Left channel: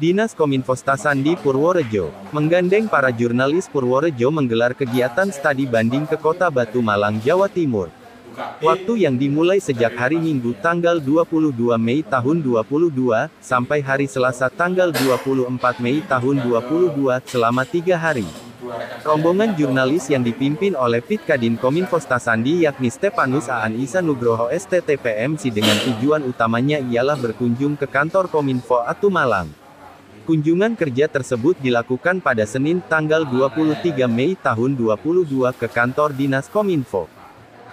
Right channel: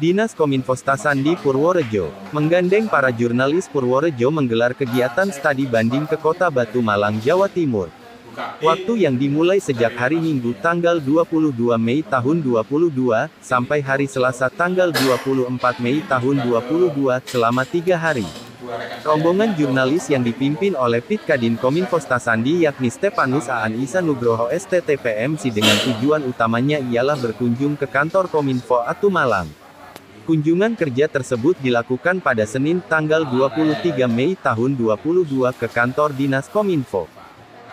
Dinas Kominfo Sandi Purworejo, menggandeng para jurnalis Purworejo menggelar kegiatan studi banding ke Kota Batu Malang, Jawa Timur. Waktu yang dimulai sejak hari Minggu tanggal 22 Mei tahun 2022, sampai hari Selasa tanggal 24 Mei tahun 2022, selama 3 hari. Rombongan jurnalis yang dipimpin oleh Pitkadin Kominfo Sandi yakni Stepanus Aan Isa Nugroho STTPMC dengan tujuan utamanya ialah berkunjung ke kantor Kominfo Batu Malang. Kunjungan kerja tersebut dilakukan pada Senin tanggal 23 Mei tahun 2022 ke kantor Dinas Kominfo.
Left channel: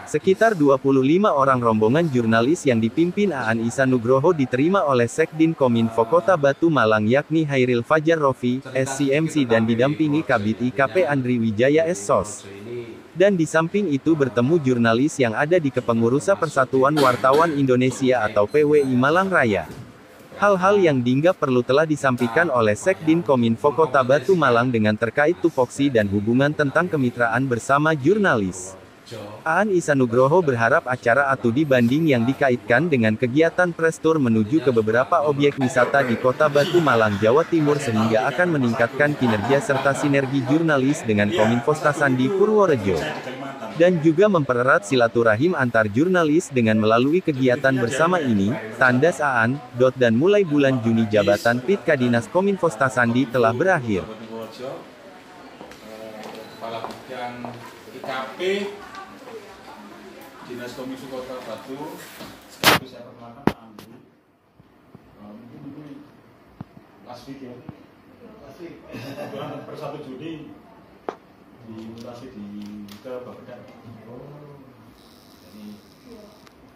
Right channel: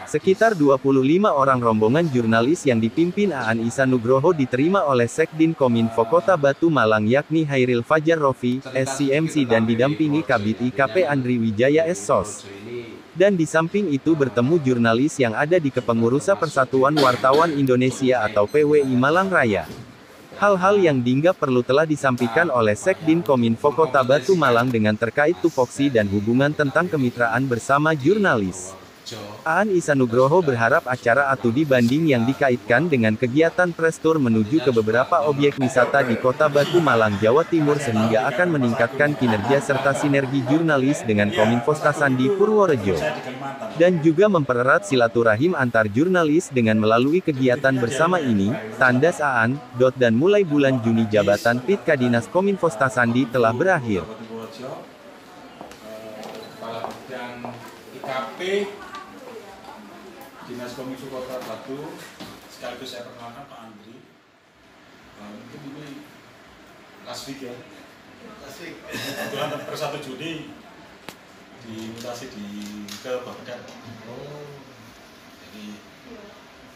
Sekitar 25 orang rombongan jurnalis yang dipimpin Aan Isa Nugroho diterima oleh Sekdin Kominfo Kota Batu Malang yakni Hairil Fajar Rofi, SCMC dan didampingi Kabid IKP Andri Wijaya SSOS. Dan di samping itu bertemu jurnalis yang ada di Kepengurusan Persatuan Wartawan Indonesia atau PWI Malang Raya. Hal-hal yang dianggap perlu telah disampaikan oleh Sekdin Kominfo Kota Batu Malang dengan terkait tupoksi dan hubungan tentang kemitraan bersama jurnalis. Aan Isa Nugroho berharap acara studi banding yang dikaitkan dengan kegiatan press tour menuju ke beberapa objek wisata di Kota Batu Malang, Jawa Timur sehingga akan meningkatkan kinerja serta sinergi jurnalis dengan Kominfo Sandi Purworejo. Dan juga mempererat silaturahim antar jurnalis dengan melalui kegiatan bersama ini, tandas Aan, dan mulai bulan Juni jabatan Pitkadinas Kominfo Sandi telah berakhir. Kepala Bidang IKP Dinas Kominfo Kota Batu, sekaligus saya perkenalkan Pak Andri. Mungkin ini last week ya. Last week. Kebetulan per 1 Juni dimutasi ke Bapeda. Jadi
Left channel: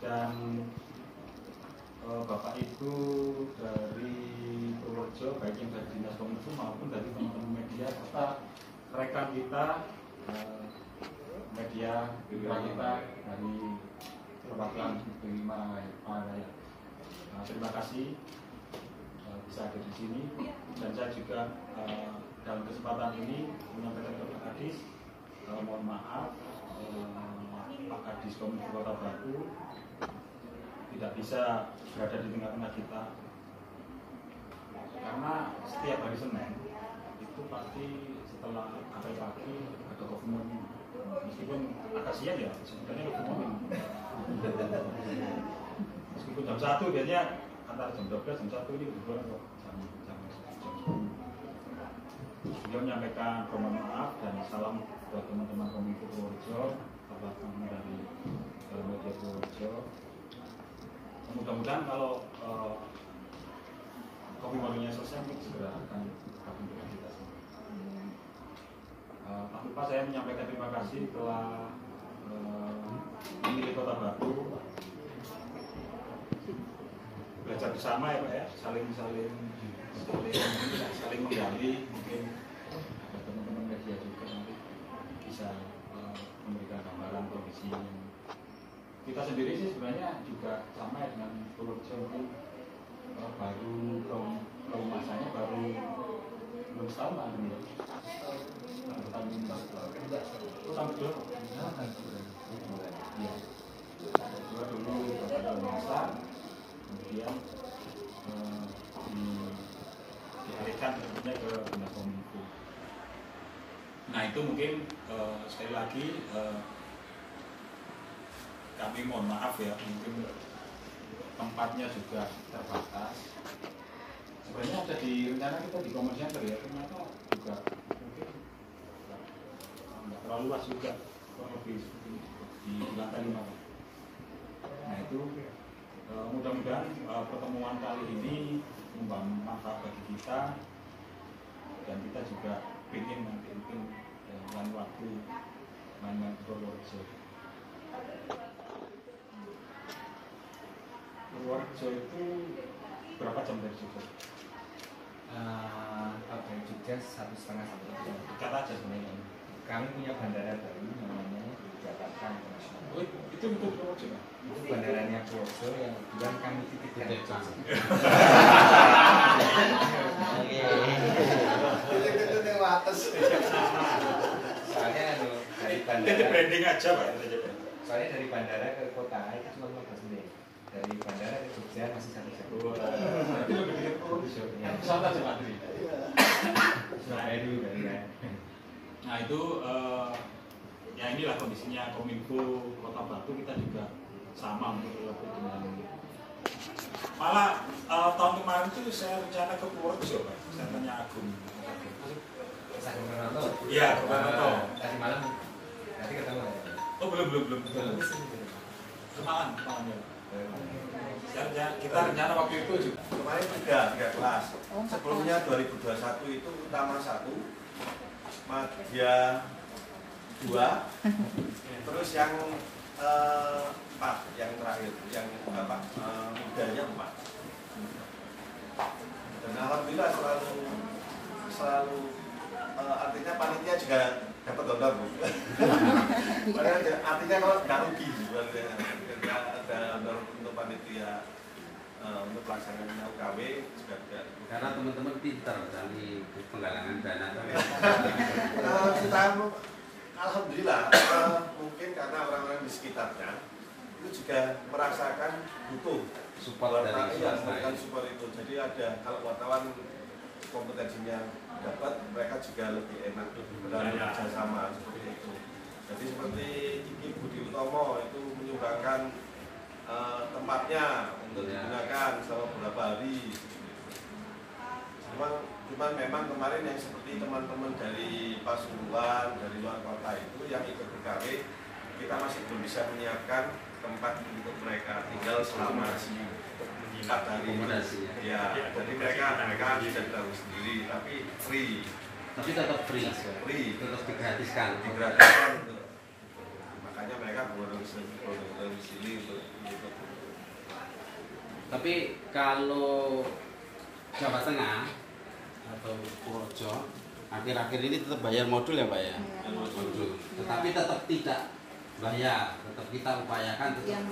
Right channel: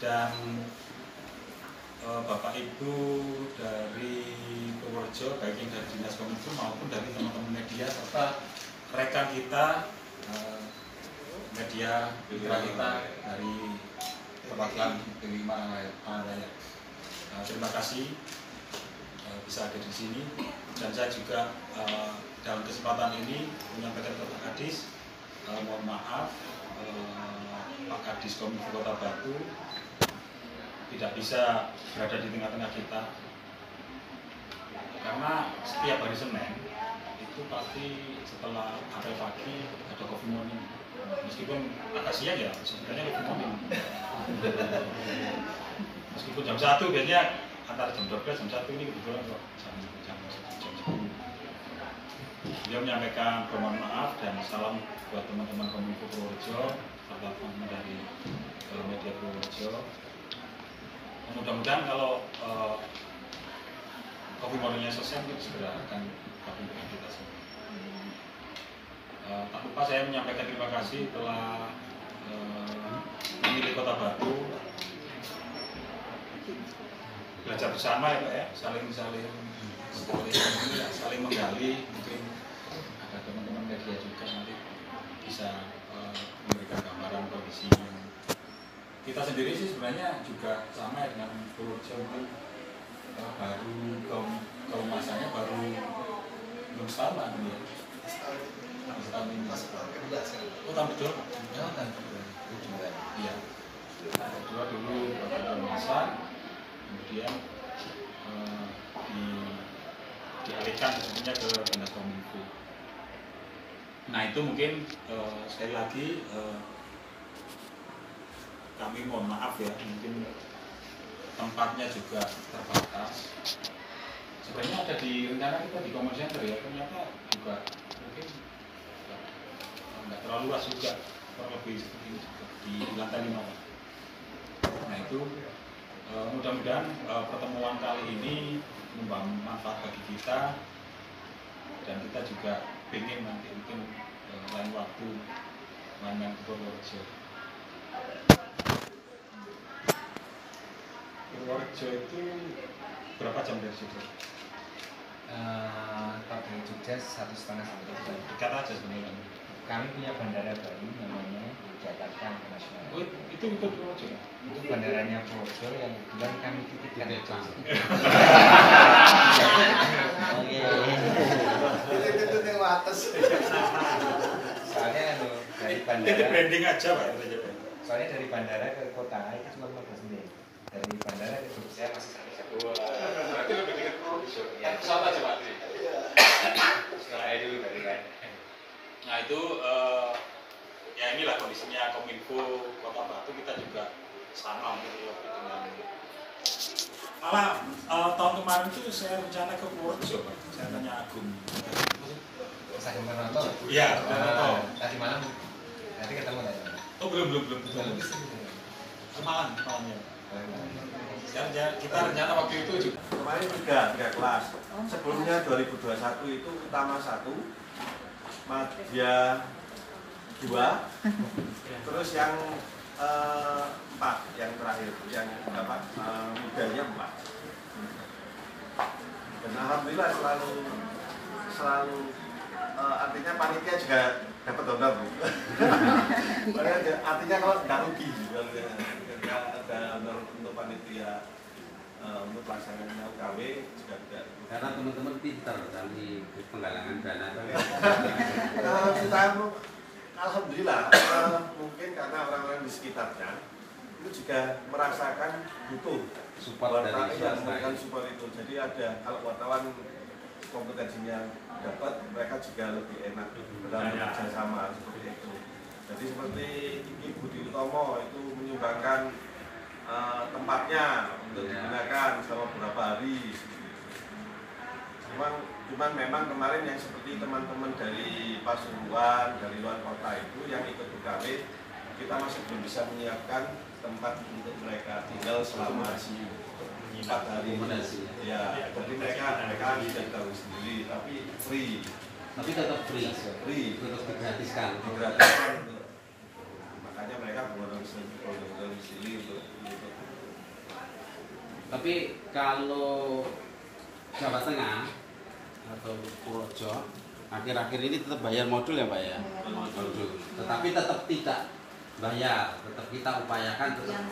dan Bapak Ibu dari Purworejo, baik yang dari Dinas Kominfo maupun dari teman-teman media serta rekan kita media kita dari perwakilan dari Malang Raya. Terima kasih bisa ada di sini dan saya juga dalam kesempatan ini menyampaikan kepada Pak Kadis, mohon maaf Pak Kadis Kominfo Kota Batu tidak bisa berada di tengah-tengah kita karena setiap hari Senin itu pasti setelah apel pagi ada coffee morning. Meskipun agak siang ya, sebenarnya lebih morning. Meskipun jam 1 biasanya antara jam 12 jam 1 ini kebetulan kok jam 10. Beliau menyampaikan permohonan maaf dan salam buat teman-teman Kominfo Purworejo serta teman dari media Purworejo. Mudah-mudahan kalau coffee morningnya selesai kita segera akan berkunjung kita semua. Tak lupa saya menyampaikan terima kasih telah memilih Kota Batu, belajar bersama ya Pak ya, saling menggali, mungkin ada teman-teman media juga nanti bisa memberikan gambaran kondisi kita sendiri sih sebenarnya juga sama ya dengan Purworejo baru kehumasannya baru belum setahun lah ya. Tahun ini oh tahun kedua iya kedua dulu beberapa masa kemudian dialihkan sebenarnya ke Dinas Kominfo. Nah itu mungkin sekali lagi kami mohon maaf ya, mungkin tempatnya juga terbatas. Sebenarnya ada di rencana kita di Command Center ya, ternyata juga mungkin nggak terlalu luas juga, kurang lebih seperti ini juga di lantai 5 Pak. Nah itu mudah-mudahan pertemuan kali ini membawa manfaat bagi kita dan kita juga ingin nanti mungkin lain waktu main ke Purworejo. Purworejo itu berapa jam dari situ? Kalau dari Jogja 1,5 sampai 2 jam. Dekat aja sebenarnya. Kami punya bandara baru namanya Jakarta Internasional. Oh, itu Purworejo? Itu bandaranya Purworejo yang kebetulan kami titipkan di Jogja. Soalnya dari bandara. Itu branding aja Pak. Soalnya dari bandara ke kota itu cuma 15 menit. Dari bandara ke Jogja masih 1 jam. Berarti lebih dekat Purworejo. Ya. pesawat aja Pak Tri. Nah itu ya inilah kondisinya Kominfo Kota Batu, kita juga sama untuk dengan malah tahun kemarin tuh saya rencana ke Purworejo Pak. Saya tanya Agung. Saya kemarin nonton. Iya, nonton. Tadi malam nanti ketemu ya. Oh belum. Semalam ya. Kita rencana waktu itu juga. Kemarin tiga kelas. Sebelumnya 2021 itu utama 1, Madya 2, terus yang 4, yang terakhir, yang mudanya 4. Dan alhamdulillah selalu artinya panitia juga dapat honor Bu. Artinya kalau nggak rugi juga ada honor untuk panitia untuk pelaksanaan UKW juga tidak. Karena teman-teman pintar kami penggalangan dana. Kalau kita alhamdulillah mungkin karena orang-orang di sekitarnya itu juga merasakan butuh Support dari memberikan support itu. Jadi ada kalau wartawan kompetensinya dapat, mereka juga lebih enak dalam bekerja sama seperti itu. Jadi seperti Ibu Budi Utomo itu menyumbangkan tempatnya untuk digunakan selama beberapa hari. Cuman memang kemarin yang seperti teman-teman dari Pasuruan, dari luar kota itu yang ikut UKW, kita masih belum bisa menyiapkan tempat untuk mereka tinggal selama 4 hari. Ya, jadi mereka bisa tahu sendiri, tapi free. Tapi tetap free, tetap digratiskan. Makanya mereka bergabung di sini untuk. Tapi kalau Jawa Tengah atau Purworejo akhir-akhir ini tetap bayar modul ya Pak ya? Modul. Tetapi tetap tidak bayar, tetap kita upayakan tetap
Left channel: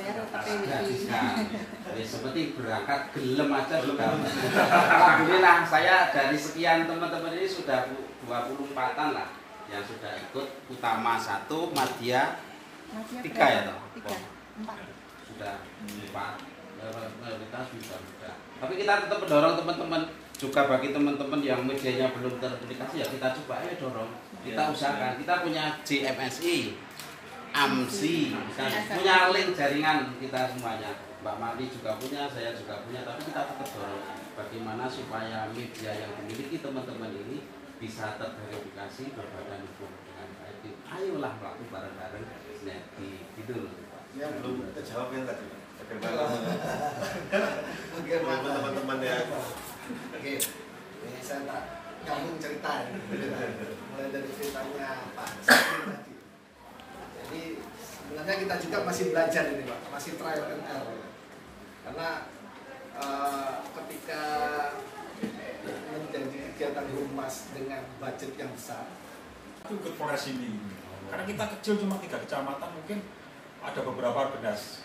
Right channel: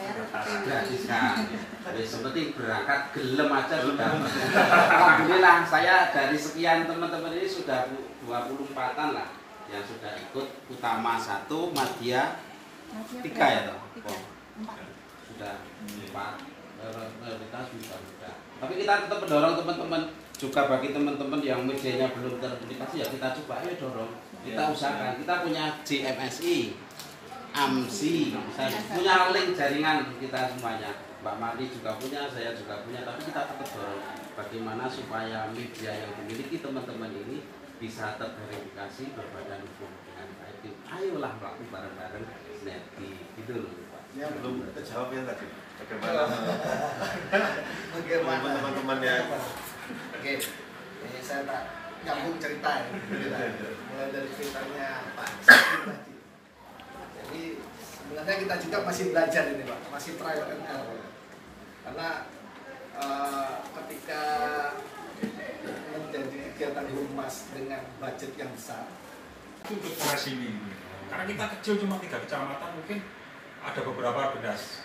gratiskan. Ya, seperti berangkat gelem aja sudah. Alhamdulillah saya dari sekian teman-teman ini sudah 24-an lah yang sudah ikut, utama 1, Madya 3 ya toh? Sudah 4. Mayoritas bisa juga. Tapi kita tetap mendorong teman-teman juga, bagi teman-teman yang medianya belum teraplikasi ya kita coba ayo dorong, kita usahakan. Kita punya JMSI, AMSI, kita punya link jaringan kita semuanya. Mbak Marti juga punya, saya juga punya, tapi kita tetap dorong bagaimana supaya media yang dimiliki teman-teman ini bisa terverifikasi berbadan hukum dengan baik. Ayolah melakukan bareng-bareng sinergi gitu loh Pak. Ya belum terjawab yang tadi. Bagaimana teman-teman yang Oke, ini saya tak nyambung cerita ya. Mulai dari ceritanya Pak Sakti tadi. Jadi sebenarnya kita juga masih belajar ini Pak, masih trial and error. Karena ketika menjadi kegiatan humas dengan budget yang besar, itu ikut Polres ini. Karena kita kecil cuma 3 kecamatan, mungkin ada beberapa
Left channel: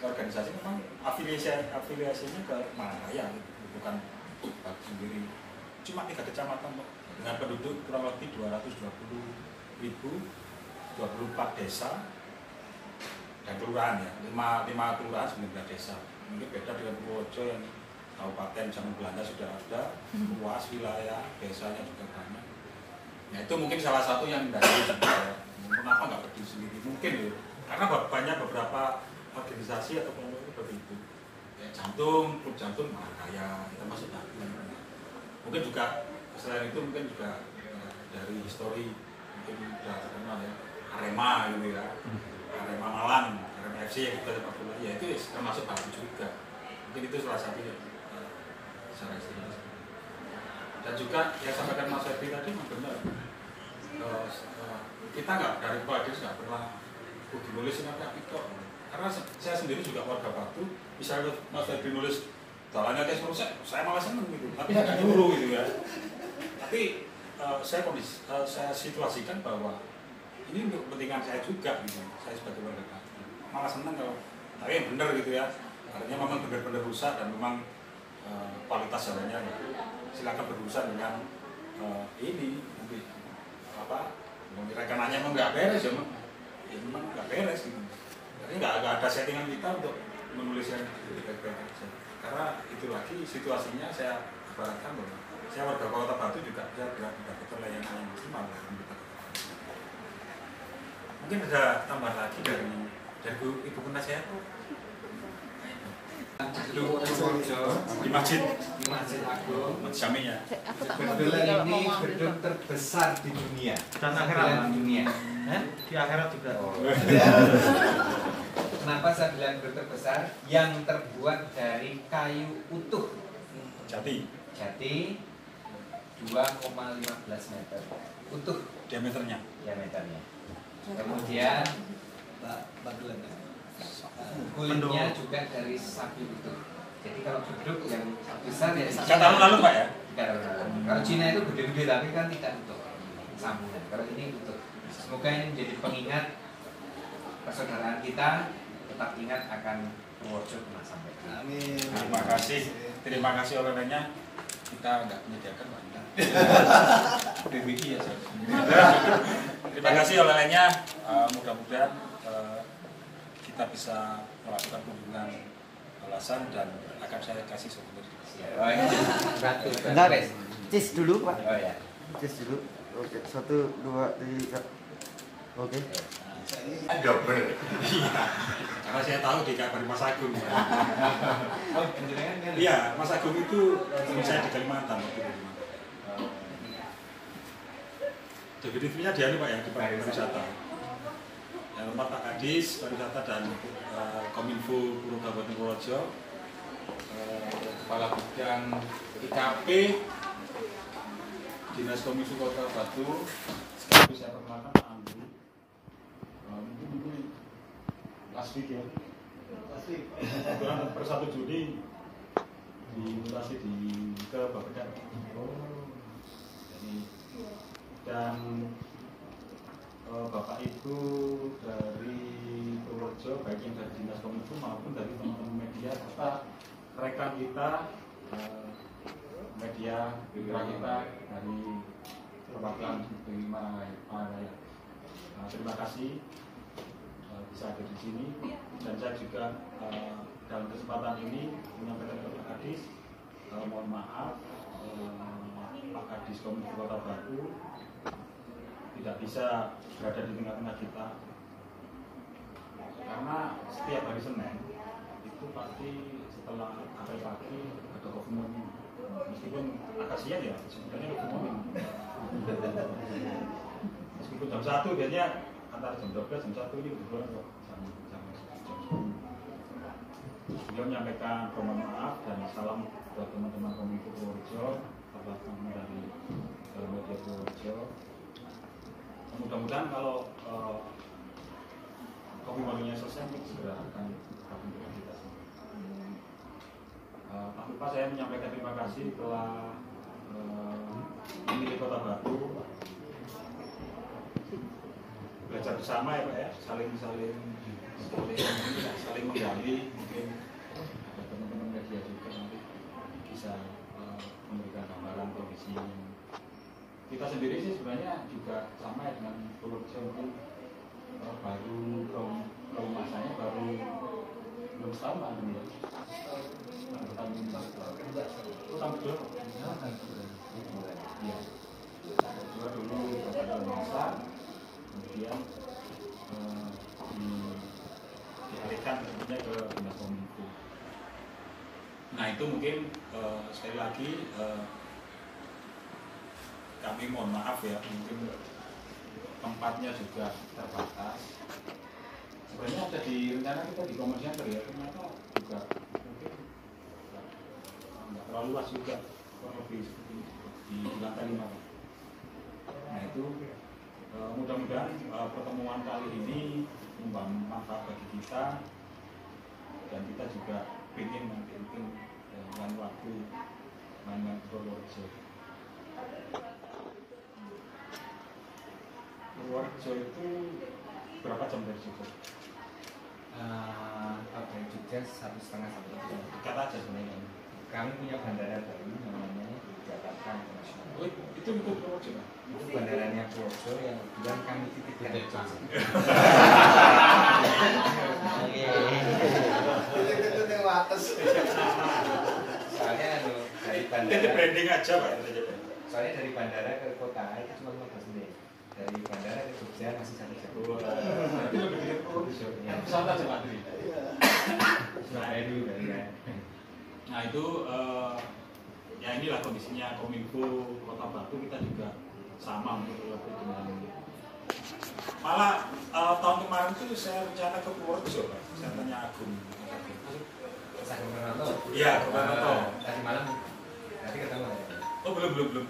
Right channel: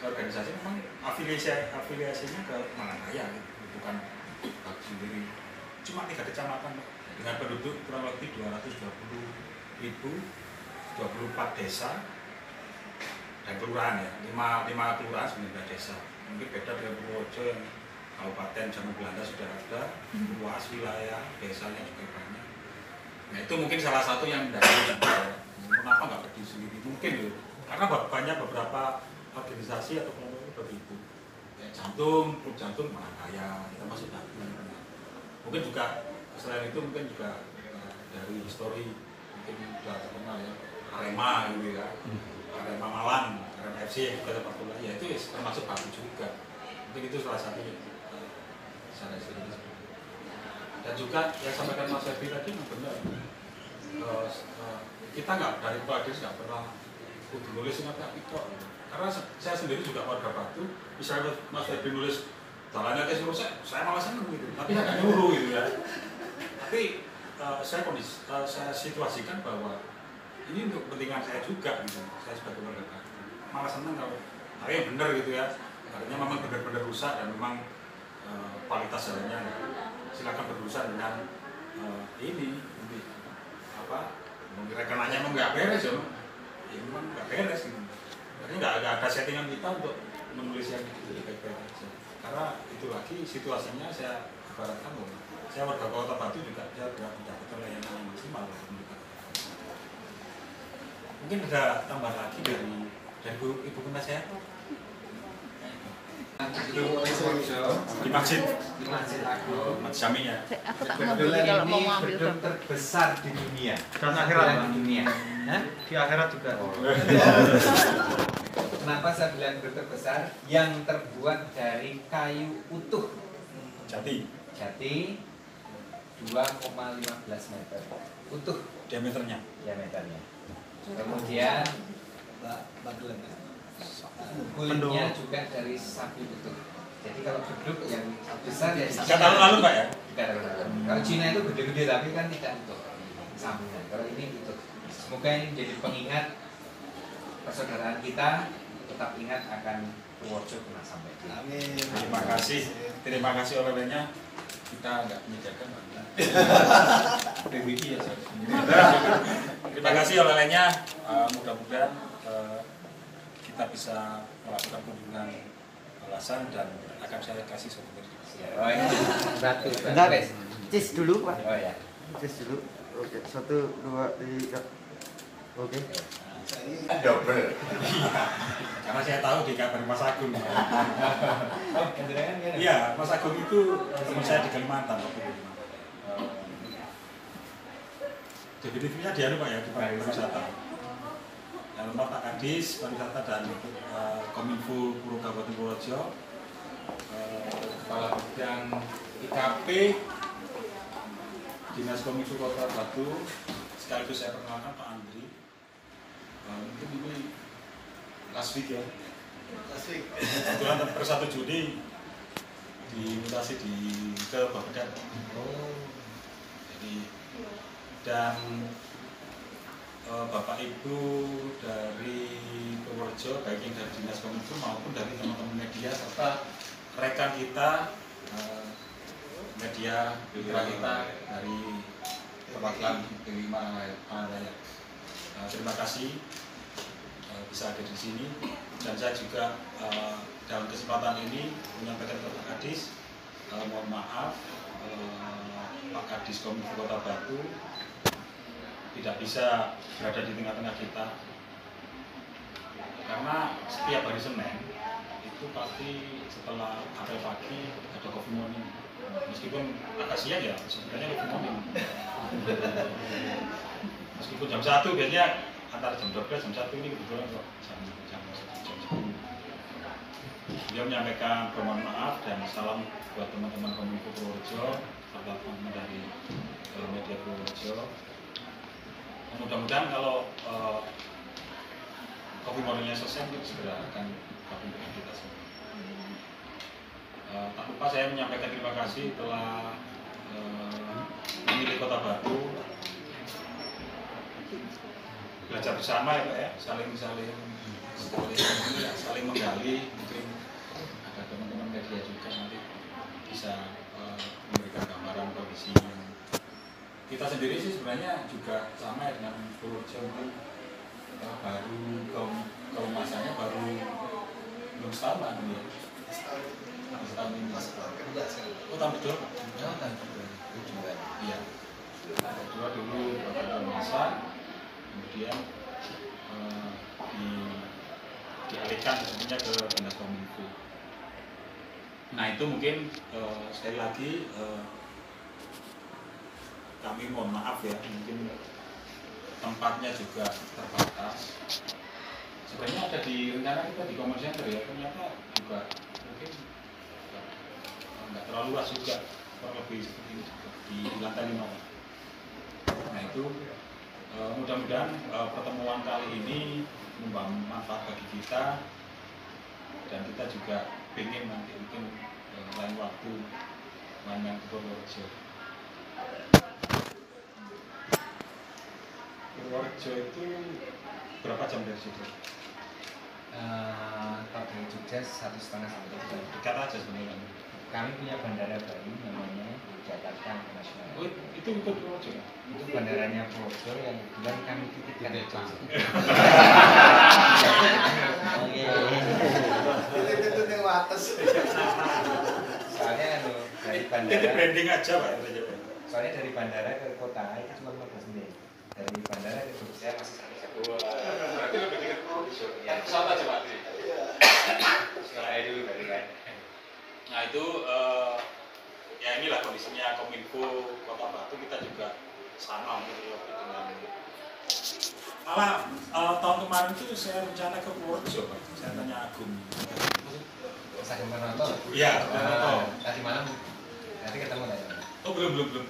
organisasi memang afiliasinya ke Malangkaya gitu, bukan sendiri. Cuma 3 kecamatan dengan penduduk kurang lebih 220.000, 24 desa dan kelurahan ya, 5 kelurahan 19 desa. Mungkin beda dengan Purworejo yang kabupaten zaman Belanda sudah ada, luas wilayah, desanya juga banyak. Nah itu mungkin salah satu yang dari juga. Kenapa nggak berdiri sendiri? Mungkin ya, karena banyak beberapa organisasi atau kelompok seperti itu. Kayak jantung, klub jantung Malangkaya, kita masuk Batu. Mungkin juga selain itu mungkin juga dari histori mungkin sudah terkenal ya, Arema gitu ya, Arema Malang, Arema FC yang juga sepak bola, ya itu termasuk Batu juga. Mungkin itu salah satu secara istilah. Dan juga yang sampaikan Mas Ferdi tadi memang benar. Kita nggak dari kepala desa nggak pernah kudu nulis apa itu, karena saya sendiri juga warga Batu, misalnya Mas Ferdi nulis jalannya ke suruh saya malah seneng gitu, tapi nggak nyuruh gitu ya. Tapi saya situasikan bahwa ini untuk kepentingan saya juga gitu, saya sebagai warga Batu malah seneng kalau tapi yang benar gitu ya, artinya memang benar-benar rusak dan memang kualitas jalannya silakan berurusan dengan ini nanti apa rekanannya emang nggak beres ya, memang nggak beres gitu. Jadi nggak ada settingan kita untuk menulis yang baik-baik aja. Karena itu lagi situasinya saya ibaratkan loh, saya warga Kota Batu juga saya tidak dapat layanan yang maksimal loh. Mungkin ada tambah lagi dari ibu penasehat di masjid Agung. Masjid Jami ya. Kebetulan ini gedung terbesar di dunia Dan akhirat dunia. di akhirat juga. Kenapa saya bilang gedung terbesar? Yang terbuat dari kayu utuh Jati jati 2,15 meter utuh diameternya. diameternya. Kemudian kulitnya juga dari sapi utuh. Jadi kalau gedung yang besar ya 3 tahun lalu Pak ya. 3 tahun lalu. Kalau Cina itu gede-gede tapi kan tidak utuh sambungan. Kalau ini utuh. Semoga ini menjadi pengingat persaudaraan kita, tetap ingat akan Purworejo pernah sampai. Amin. Terima kasih oleh-olehnya. Kita nggak menyediakan banyak. PBI ya. Terima kasih oleh-olehnya. Mudah-mudahan kita bisa melakukan kunjungan alasan dan akan saya kasih souvenir. Oh, ini gratis. Bentar, cis dulu Pak. Oh ya. Cis dulu. Oke, 1, 2, 3. Oke. Double. Karena saya tahu di kabar Mas Agung. Oh, jenengan kan? Iya, Mas Agung itu teman saya di Kalimantan waktu itu. Definitifnya dia nih Pak ya di pariwisata. Yang tempat Pak Kadis pariwisata dan Kominfo Kabupaten Purworejo, Kepala Bidang IKP Dinas Kominfo Kota Batu, sekaligus saya perkenalkan Pak Andri. Mungkin ini last week ya. Kebetulan per 1 Juni dimutasi ke Bapedan. Jadi dan Bapak Ibu dari Purworejo, baik yang dari Dinas Kominfo maupun dari teman-teman media serta rekan kita media mitra kita dari perwakilan dari Pangandaran. Terima kasih bisa ada di sini dan saya juga dalam kesempatan ini menyampaikan ke Pak Kadis, mohon maaf Pak Kadis Kominfo Kota Batu tidak bisa berada di tengah-tengah kita karena setiap hari Senin itu pasti setelah apel pagi ada coffee morning, meskipun agak siang ya sebenarnya coffee morning, meskipun jam 1 biasanya antara jam 12 jam 1 ini kebetulan kok jam 10. Beliau menyampaikan permohonan maaf dan salam buat teman-teman Kominfo Purworejo serta teman-teman dari media Purworejo. Mudah-mudahan kalau coffee morningnya selesai kita segera akan gabung dengan kita semua. Tak lupa saya menyampaikan terima kasih telah memilih Kota Batu, belajar bersama ya Pak ya, saling menggali, mungkin ada teman-teman media juga nanti bisa memberikan gambaran kondisi. Kita sendiri sih sebenarnya juga sama ya dengan Purworejo, baru kalau masanya baru belum setahun lah dulu ya. Setahun ini. Oh tahun kedua Pak? Tahun kedua. Iya. Tahun kedua dulu berapa masa, kemudian dialihkan sebenarnya ke Dinas Kominfo. Nah itu mungkin sekali lagi kami mohon maaf ya, mungkin tempatnya juga terbatas. Sebenarnya ada di rencana kita di Common Center ya, ternyata juga mungkin nggak terlalu luas juga, kurang lebih seperti ini juga di lantai 5. Nah itu mudah-mudahan pertemuan kali ini membawa manfaat bagi kita dan kita juga ingin nanti mungkin lain waktu main-main ke Purworejo. Purworejo itu berapa jam dari situ? Kalau dari Jogja 1,5 sampai 2 jam. Dekat aja sebenarnya. Kami punya bandara baru namanya di Jakarta International. Oh, itu untuk Purworejo? Itu bandaranya Purworejo yang kebetulan kami titipkan di Jogja. Itu yang atas. Soalnya dari Itu branding aja Pak. Soalnya dari bandara ke kota itu cuma 15 menit. Dari bandara ke Jogja masih 1 jam. Berarti lebih dekat produser. Ya, Pesawat aja Pak. nah itu dari kan. Nah itu ya inilah kondisinya Kominfo Kota Batu, kita juga sama untuk dengan malah tahun kemarin tuh saya rencana ke Purworejo Pak. Saya tanya Agung. Mas Agung Purnoto. Iya, Purnoto. Tadi malam nanti ketemu tadi. Oh belum.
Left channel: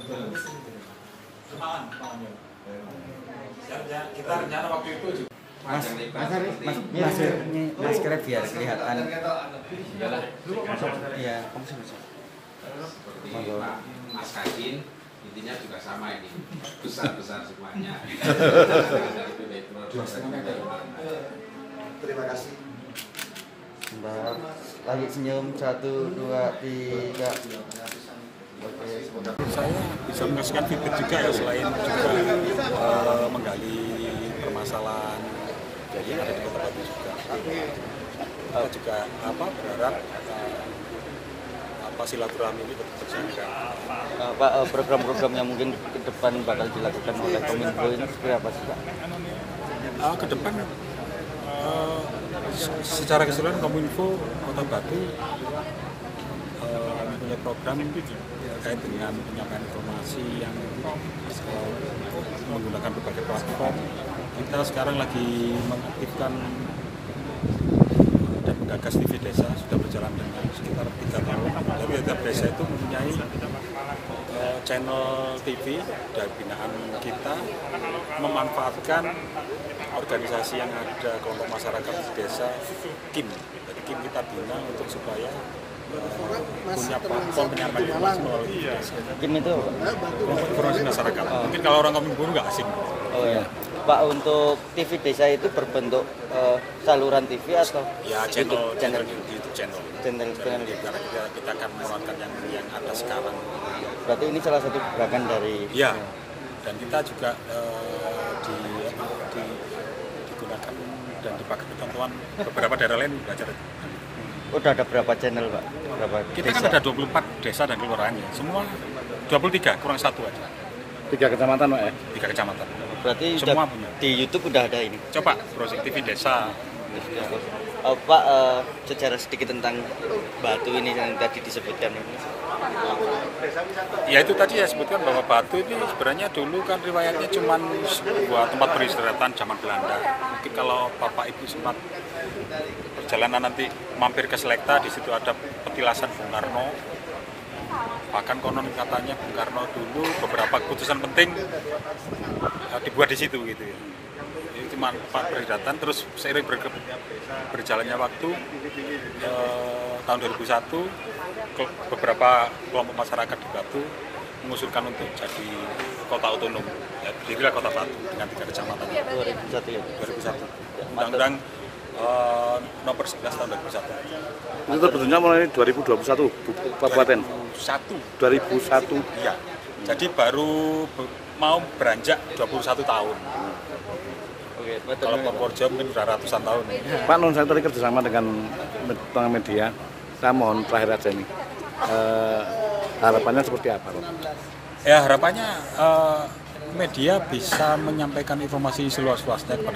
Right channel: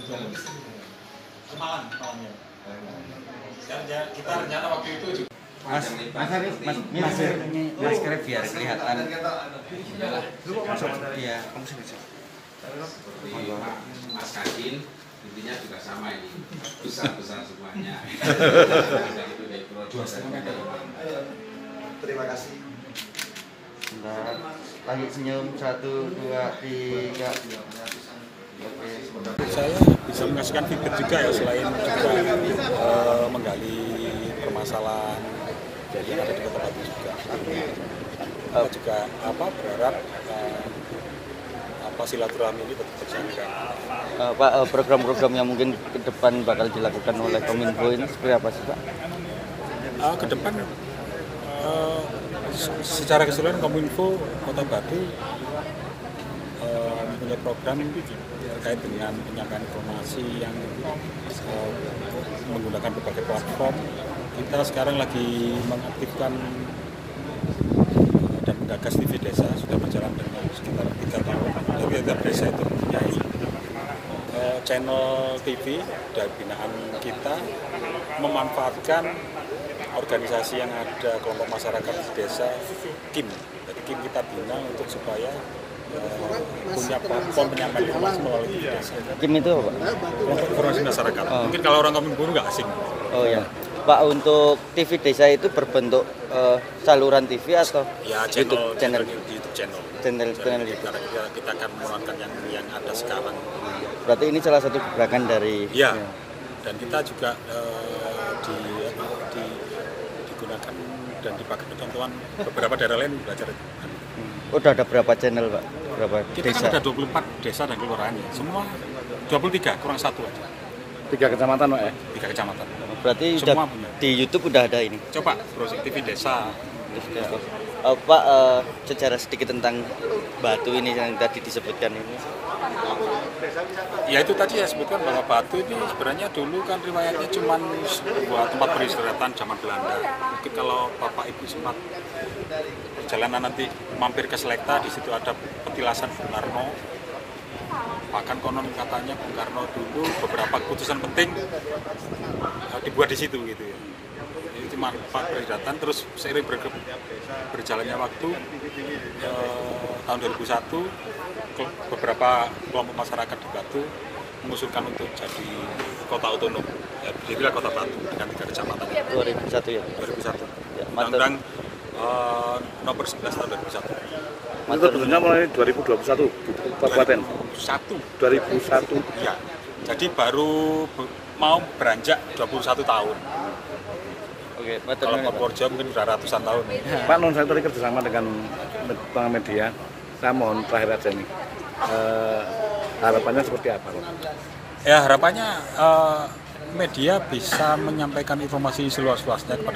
Semalam ya. Kita rencana waktu itu juga. Mas kira biar kelihatan. Iya. Seperti Pak Mas Kadin, intinya juga sama ini, besar semuanya. Terima kasih. Bentar. Lagi senyum 1, 2, 3. Oke, Saya bisa mengasihkan feedback juga ya, selain juga menggali permasalahan yang ada di Kota Batu juga. Kita juga berharap silaturahmi ini tetap terjaga. Pak, program-program yang mungkin ke depan bakal dilakukan oleh Kominfo ini seperti apa sih Pak? Ke depan secara keseluruhan Kominfo Kota Batu mempunyai program terkait dengan penyampaian informasi yang menggunakan berbagai platform. Kita sekarang lagi mengaktifkan dan menggagas TV Desa, sudah berjalan dengan sekitar 3 tahun. Jadi tiap desa itu mempunyai channel TV dari binaan kita, memanfaatkan organisasi yang ada, kelompok masyarakat di desa, KIM. Jadi KIM kita bina untuk supaya punya platform penyampaian informasi melalui TV desa. KIM itu Kelompok informasi masyarakat. Mungkin kalau orang Kominfo nggak asing. Oh ya. Pak, untuk TV desa itu berbentuk saluran TV atau Ya channel YouTube channel. Channel. Karena kita akan menerapkan yang ada sekarang. Berarti ini salah satu gerakan dari. Ya. Dan kita juga digunakan dan dipakai teman-teman beberapa daerah lain belajar. Udah ada berapa channel Pak? Berapa Kita desa? kan ada 24 desa dan kelurahan ya. Semua 23 kurang 1 aja. 3 kecamatan Pak ya? 3 kecamatan. Berarti Semua udah, punya. di YouTube udah ada ini. Coba browsing TV desa. Pak, secara sedikit tentang Batu ini yang tadi disebutkan ini. Ya itu tadi ya sebutkan bahwa Batu ini sebenarnya dulu kan riwayatnya cuma sebuah tempat peristirahatan zaman Belanda. Mungkin kalau Bapak Ibu sempat perjalanan nanti mampir ke Selekta, di situ ada petilasan Bung Karno. Bahkan konon katanya Bung Karno dulu beberapa keputusan penting dibuat di situ gitu ya. Ini cuma tempat peristirahatan, terus seiring berjalannya waktu tahun 2001 beberapa kelompok masyarakat di Batu mengusulkan untuk jadi kota otonom, ya jadilah Kota Batu dengan 3 kecamatan. 2001 ya? 2001. Undang-Undang nomor 11 tahun 2001. Itu terbentuknya mulai 2021 di Kabupaten. 2001. Ya. Jadi baru mau beranjak 21 tahun. Oke, Kalau Purworejo mungkin sudah ratusan tahun. Pak, non saya tadi kerjasama dengan media. Saya mohon terakhir aja ini. Harapannya seperti apa, Pak? Ya harapannya media bisa menyampaikan informasi seluas-luasnya kepada